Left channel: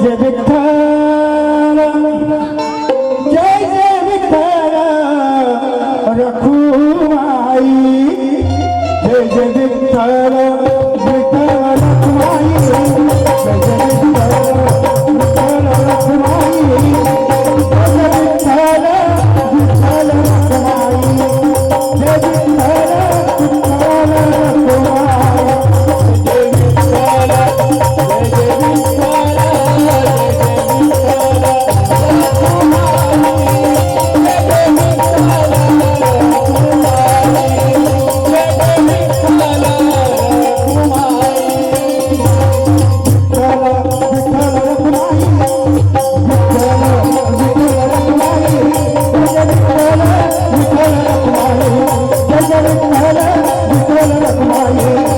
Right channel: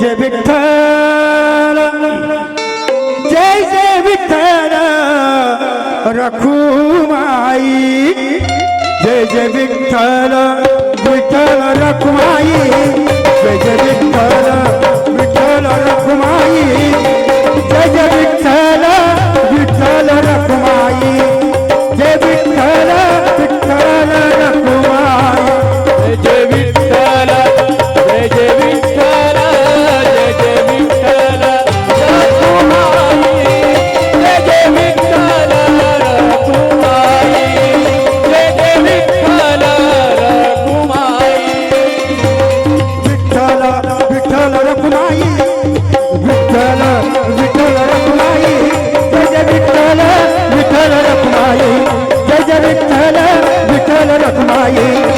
Jai Vitthal Jai Jai Vitthal Rakhumai Jai Jai Vitthal Vitthal Rakhumai Jai Jai Vitthal Amen.